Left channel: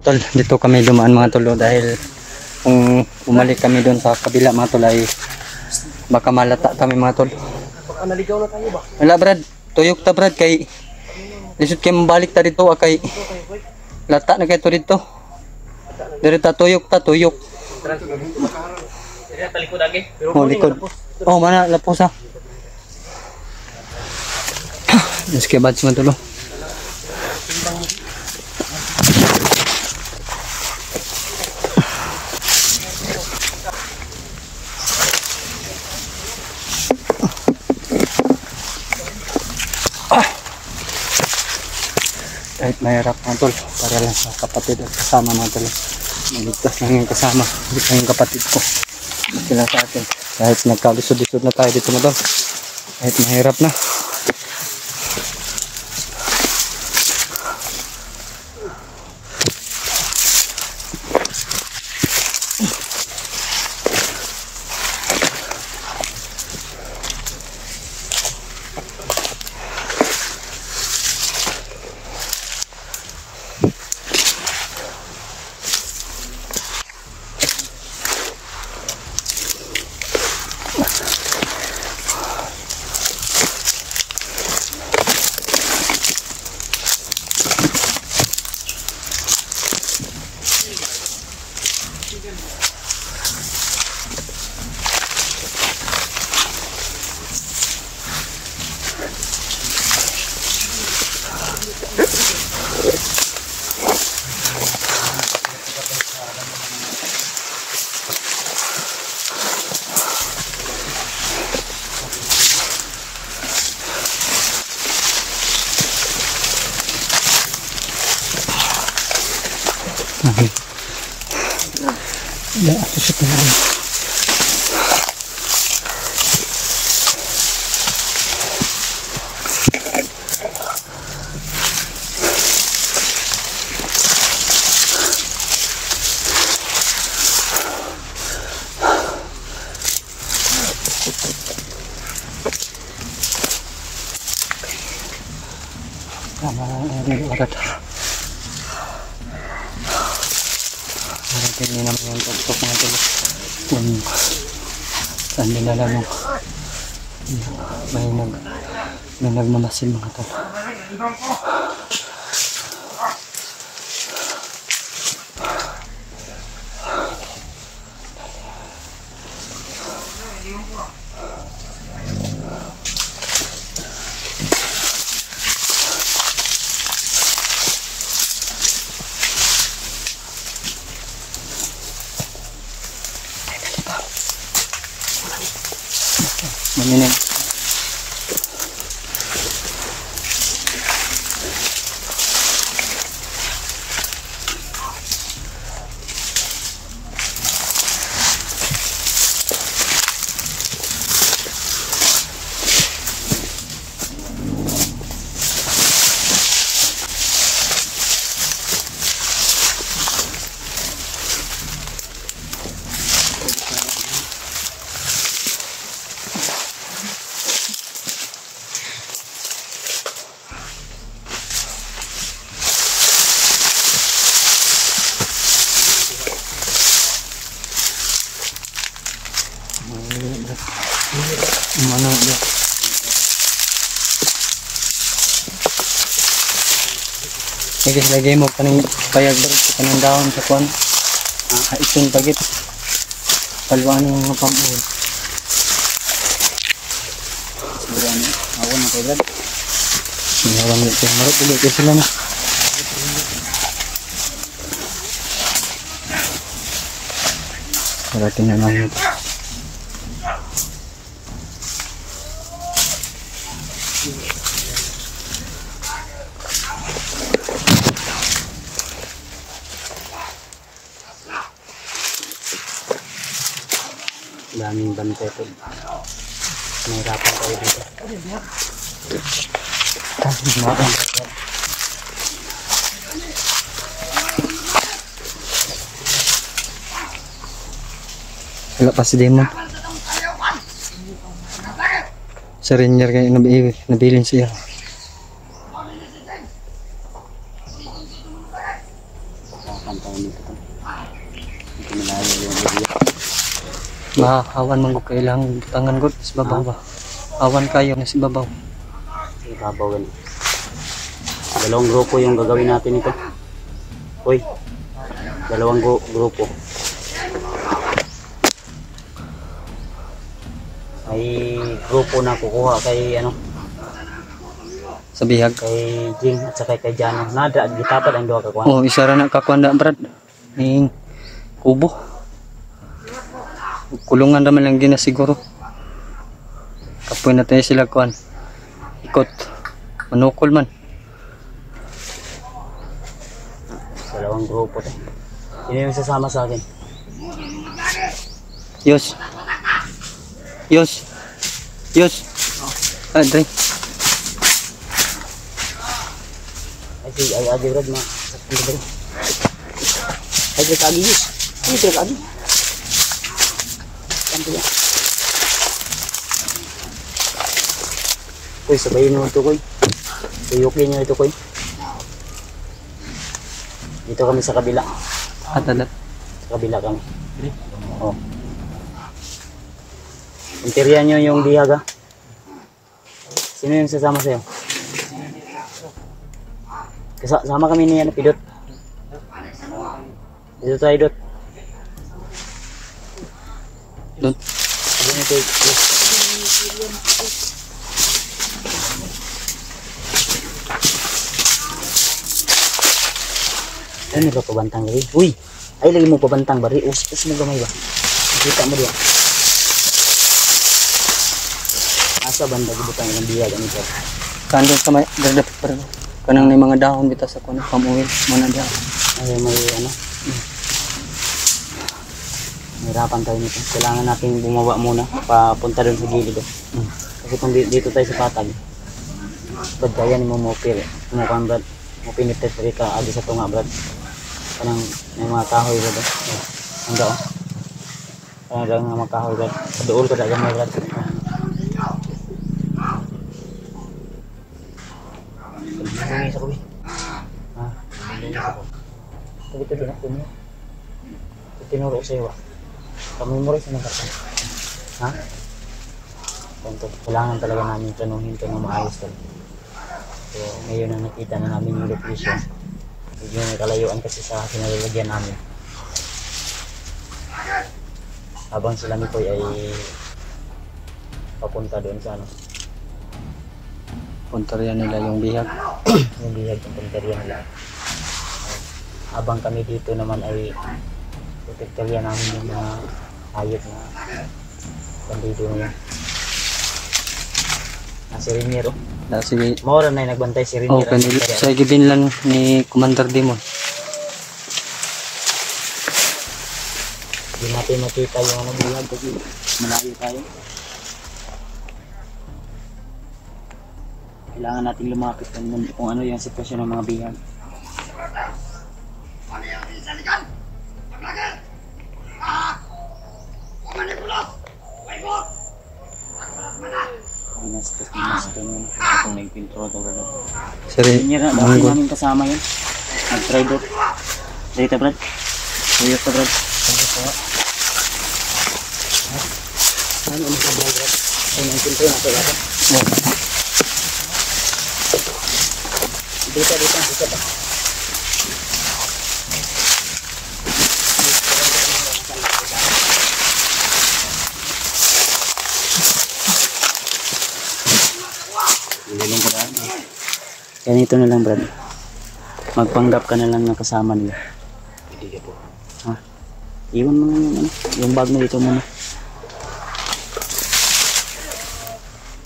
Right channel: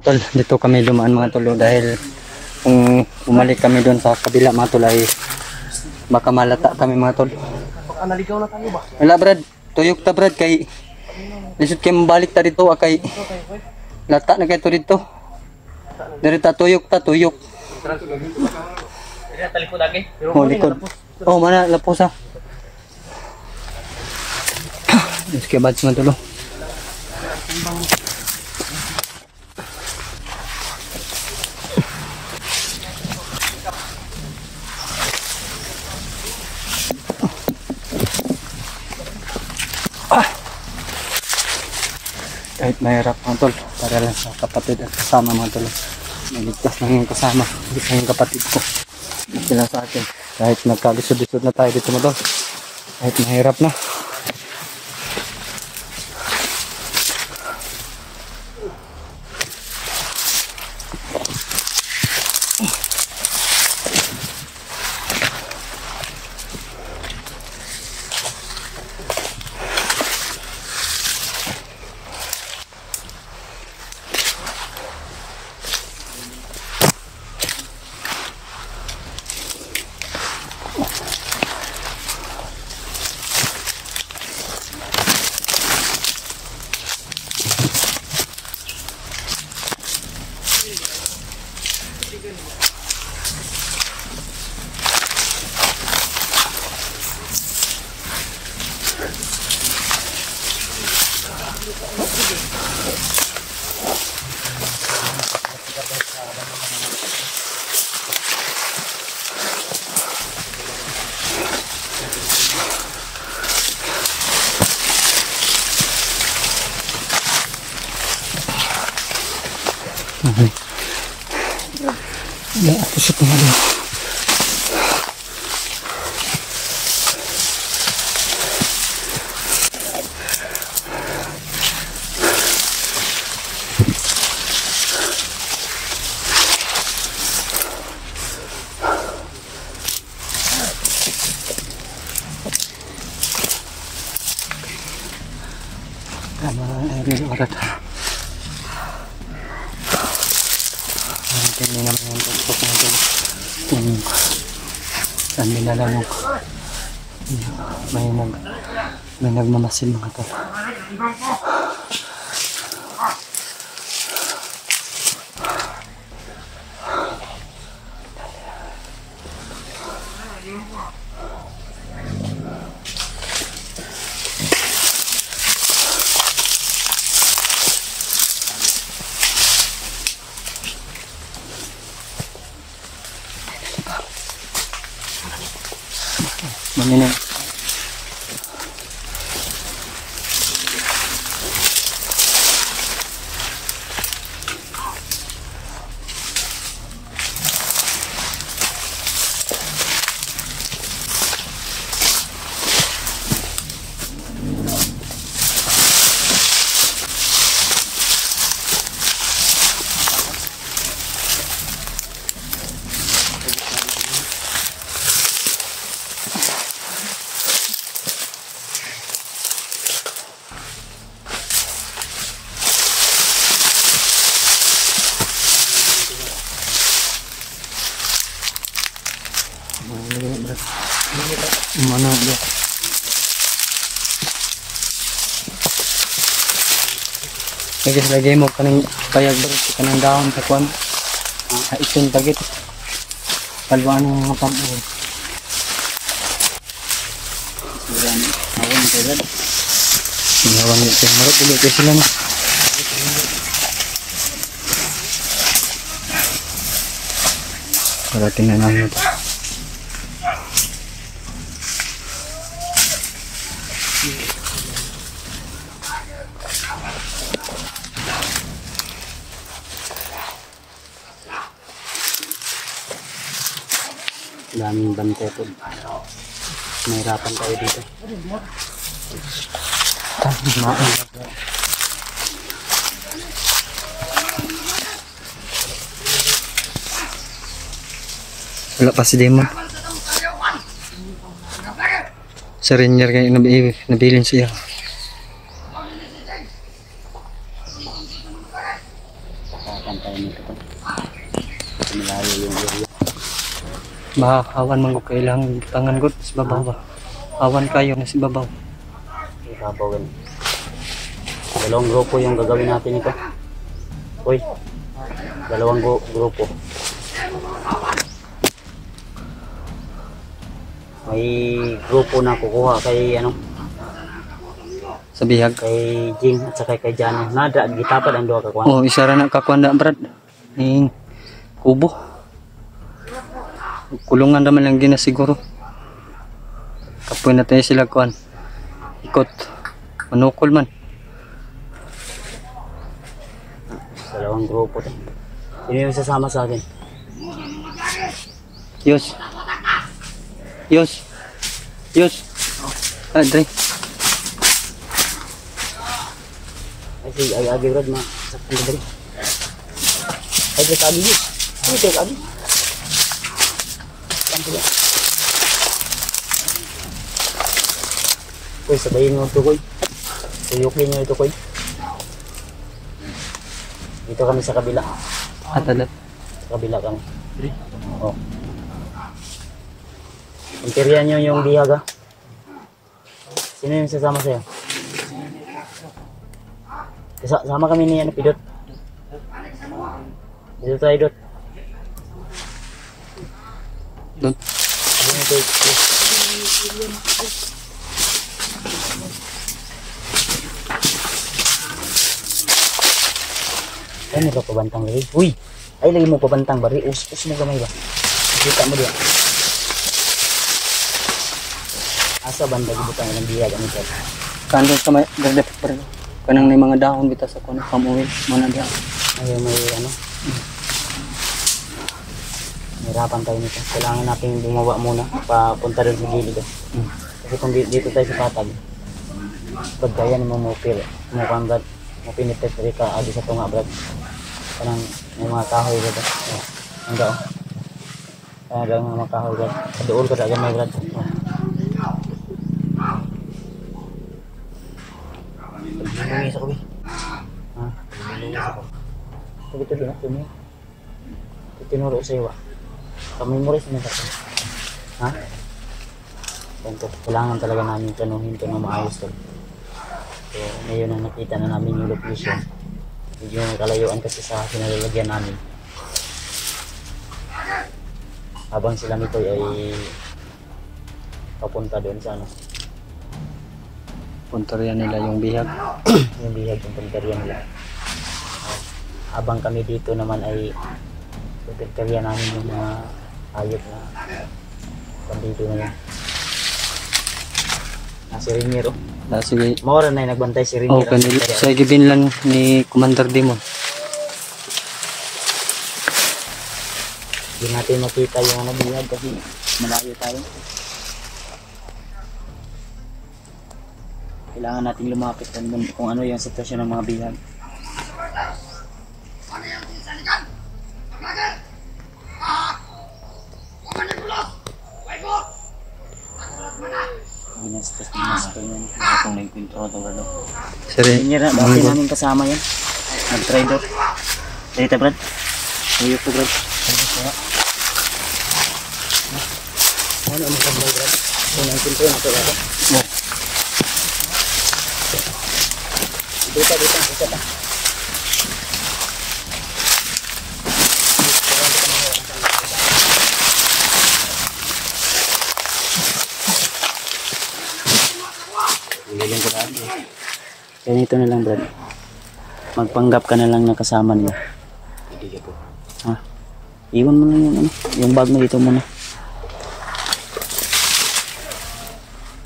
Tol, dito kami dumaan mga tol dahil kung umalik kami doon sa kabila mga tol ay baka malata kami mga tol. Baka naligaw na tayo ba? Wala brad, tuyok ta brad kay lisod kay mabalik ta dito kay lata na kay to dito. Diri ta tuyok ta tuyok. Diri talikod lagi. Oh, likod. Oh, mana lapos ha. Yes, kaya bad man tulo. Kahit mahirap mga tol, para lang sa kapatid at kasama mga tol. Maligtas lang yung kasama, hindi lang yung kapatid ko. Hindi lang sa akin. Kahit nagkalisod-lisod na tayo dito mga tol. Kahit mahirap na. Ya, atas itu ada. Ini naman yung tok-tok mga tulos kung saan dinala nung may nagmamasin mga tulos. Maninin. Mana dia? Lagi mo kaning payag kanang daon sa kuan. Iton pagit. Palwaan ng mga pamuon. Sigurano, awan na kagad. Awan ni kay marot ulit kay sila na. Para tingnan namin ito. Daming bantay po. Nahirapan tayo dito. Tama. Wala pa si Demo. Sa Rainier kayo nabilin siya. Mahawan man ko kailangan tangan ko sa babaw ba. Awan kayo na si babaw. Ibabawin. Dalawang grupo yung gagawin natin ito. Uy. Dalawang grupo. May grupo na kukuha kay ano? Sa bihag. Kay Jing at saka kay Jano. Nada, gitapad ang dua kakuha. Oh, isa ra na kakuha brad. Ning kubo. Kulungan naman lang din na siguro. Kapoy na tayo sila kuhan. Ikot. Manukol man. Dalawang grupo tayo. Sino yung sasama sa akin? Yos. Yos. Yos. Ah, Dre. Ay, agi rod na. Sakit na Dre. Ay, Dre, agi yus. Ay, Dre, agi. Uy, sabayin mo ito, Koy. Tuyukin nyo ito, Koy. Dito kami sa kabila. Atalat. Sa kabila kami. Oo. Interior nyo yung bihag, ha? Sino yung sasama sa'yo? Sama kami ni ano, Pidot. Dito tayo, Dot. Dot. Dito tayo. Ano ba pabantang lagi? Uy! Ay, lagi mo pabantang bari. Us mo gamay ba? Kita mo diyan. Asa banda gibutang ng biyag ang ito. Kando sa may derdepit bari. Kanang may mga dahon bitaw sa kuno pamuwi mana diyan. Ay may ano. Hirapan tayo nito. Kailangan natin bumaba muna papunta rin sa gilid. Kasi kung dito tayo sa patag. Badbayan mo mo pil. Mo kan brad. Mo pinitet ka adi sa tunga brad. Kanang mga kahoy brad. Ang dao. Kanang mga kahoy brad. Dool ka dagan may brad. Ay, sa kuwi. Sabi ito din ako niya. Itinuro sa iyo. Pag-memorize na ka. Ha? Ganito. Kailangan talaga namin tanuhin ito na maayos ito. So, ngayon na nakita na namin yung location. Medyo nakalayuan kasi sa kinalalagyan namin. Habang sila nito ay papunta doon sa ano. Punterian nila yung bihag. Yung bihag yung punterian nila. Habang kami dito naman ay punterian namin yung mga hayop na bandido na yan. Si Rainier, sige. Mora na yung nagbantay si Rainier. Siya gibinlan ni Commander Demon. Hindi natin nakita yung ano bihag kasi malayo tayo. Kailangan natin lumapit kung ano yung sitwasyon ng mga bihag. Ano yung tinisalikan? Paglagan! Manipulot! Waibot! Pagkulat mo na! Minastas yun. Kung nagpintro ito. Sari, bakit namin kasama yun? Nag-try doon. Dito brad. Tuyok ko brad. Ano ang magkablay brad? Kung nagpintro na ito natin. Dito pa. Ililong ko na. Ganito na lang brad. Magpanggap ka na lang ng kasama niyo. Hindi ka po. Ha? Iwan mo lang yung ano. Yung bag mo dito muna.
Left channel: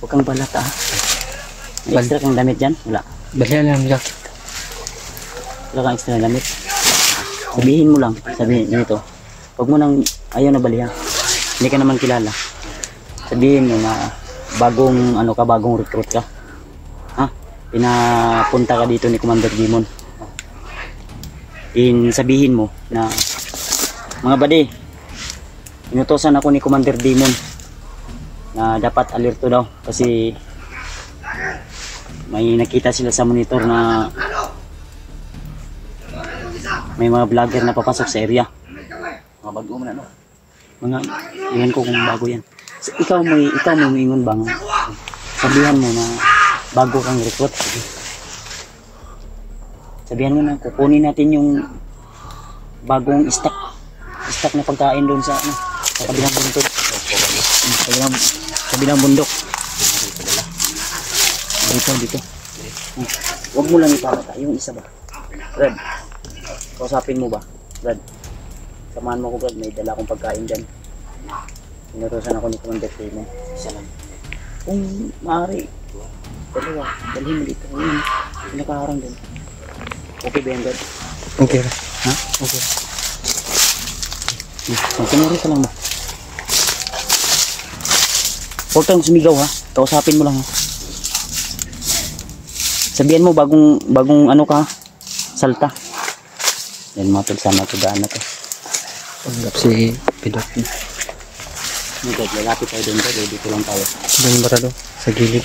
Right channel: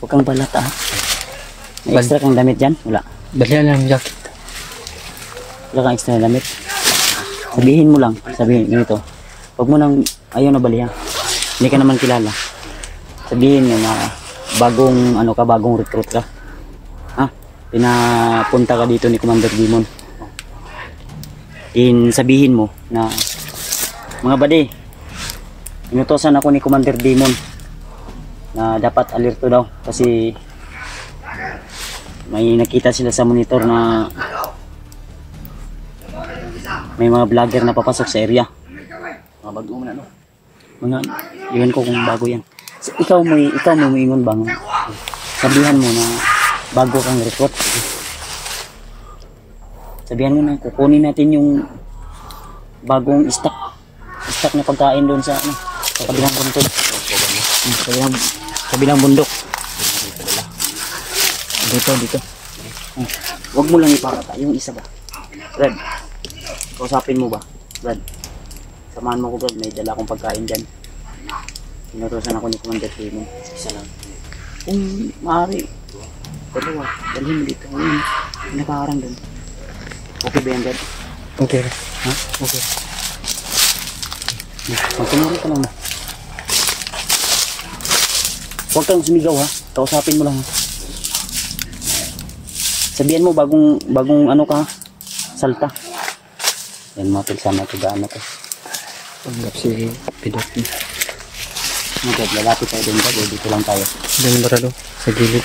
Huwag kang balata ha. May extra kang damit dyan? Wala. Balihan lang yung jacket. Wala kang extra damit. Sabihin mo lang. Sabihin ganito. Huwag mo nang ayaw na balihan. hindi ka naman kilala. Sabihin mo na bagong ano ka, bagong recruit ka. Ha? Pinapunta ka dito ni Commander Demon. Sabihin mo na mga buddy, inutosan ako ni Commander Demon na dapat alerto daw kasi may nakita sila sa monitor na may mga vlogger na papasok sa area. Mga bago man ano. Mga, yan ko kung bago yan. Ikaw mo ingon bang sabihan mo na bago kang recruit. Sabihan mo na kukunin natin yung bagong stock na pagkain doon sa ano, sa kabilang bundok. Kabilang bundok. Dito. Huwag mo lang ipakita yung isa ba. Brad, kausapin mo ba? Brad, samahan mo ko Brad, may dala akong pagkain dyan. Inutosan ako ni Commander Demon. Isa lang. Kung maaari, dalawa, dalhin mo dito. Ayun, nakaharang doon. Okay ba yan, Brad? Okay. Ha? Okay. Magkamari ka lang mo. Huwag kang sumigaw ha. Kausapin mo lang ha. Sabihan mo bagong ano ka, salta. Yan mga tol, sana ito daan na to. Panggap si Pidot. Okay, lalapit tayo doon Brad. Dito lang tayo. Diyan barado, sa gilid.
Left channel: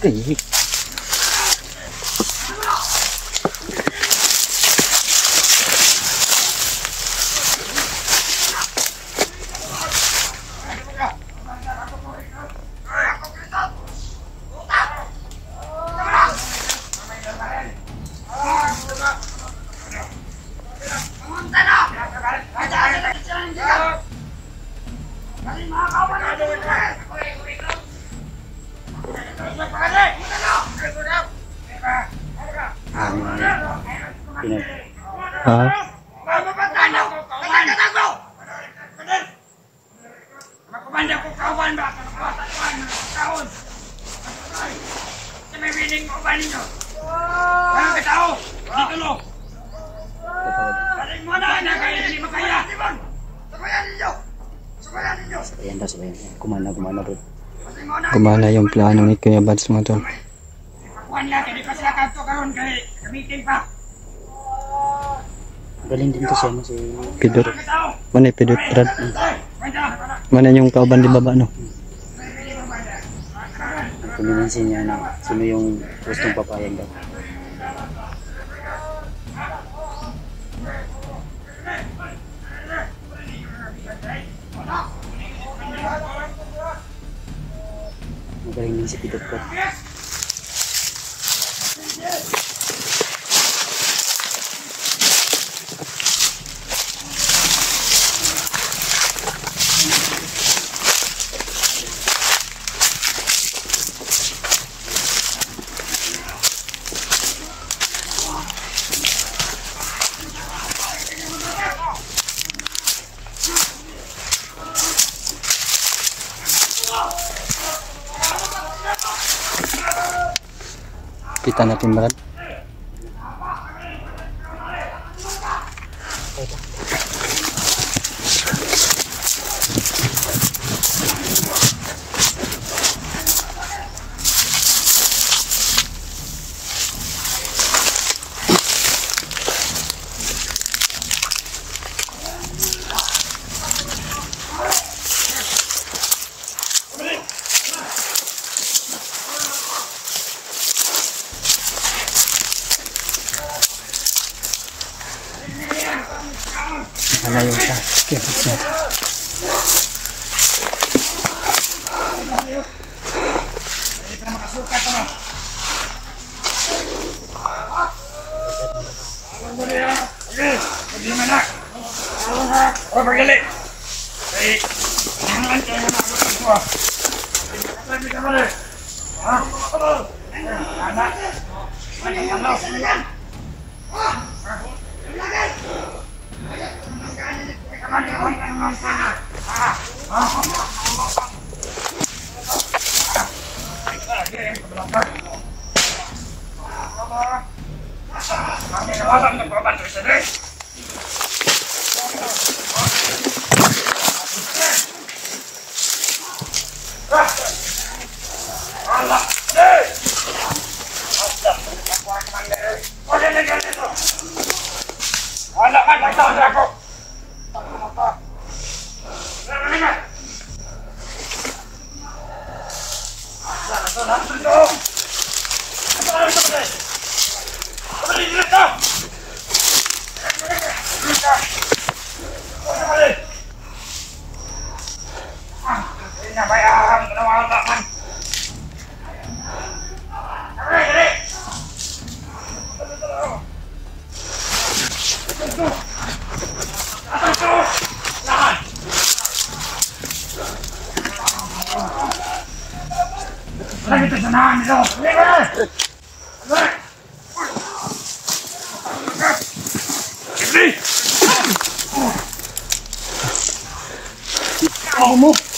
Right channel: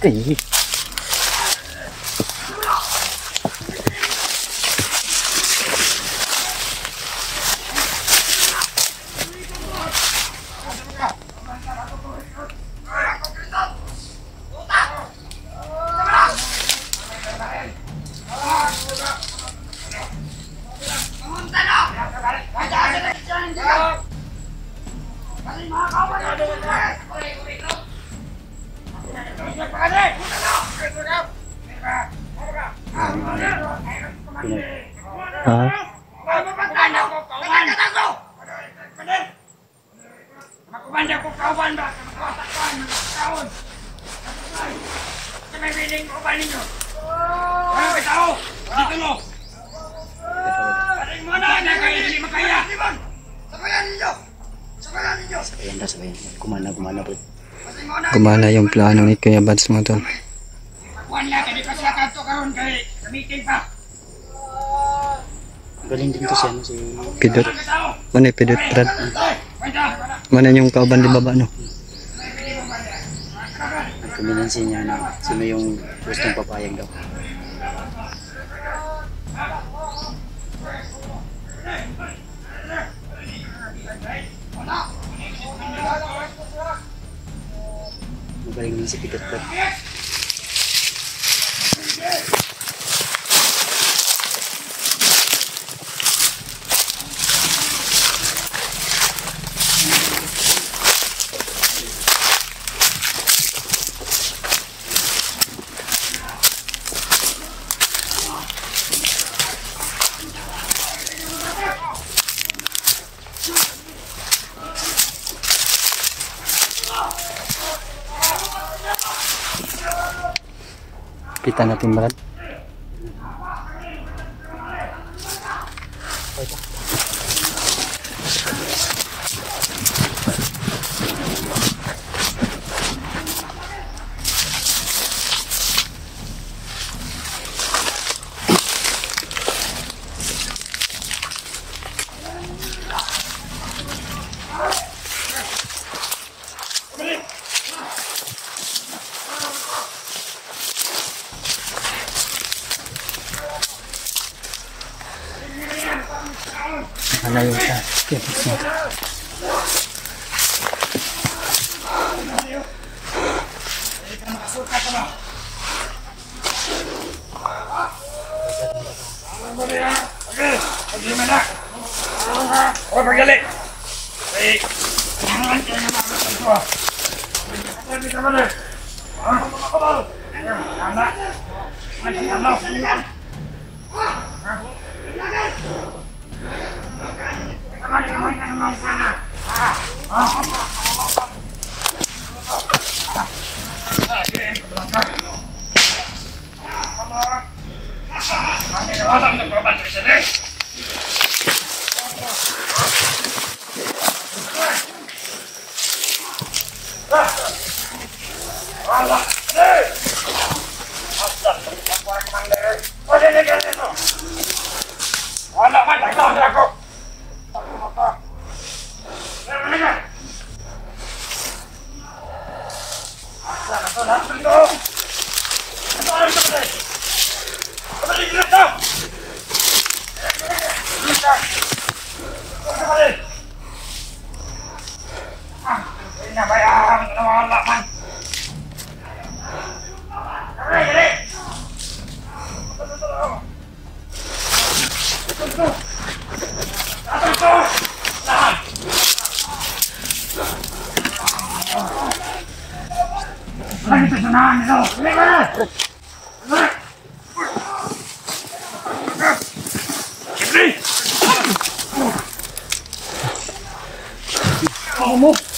Ay. Ha? Magkumanda ko kauban ba? Magkwatakwan, magkakaon. Sa may biling ko ba ninyo? Walang katao, dito no. Paring mo na, kayo hindi makaya. Sabayan ninyo! Sabayan ninyo! Sabayan. Kumana Brad. Gumana yung plano ni Kuya Bads mga tol. Pakuan lang, hindi pa sila kanto karon kay meeting pa. Galing din to siya no, si Pidot. Walang katao! Mana yung Pidot, Brad? Kwenta! Mana yung kauban di baba, no? kuminansin niya na sino yung gustong papayag daw. Magaling din si Pidot Brad. Kita natin, Brad. Ano yung task? Wala! Hey! Wala man, nagsabi ako! Lagi tu sana ni tau. Ni mana? Ni. Oh, move.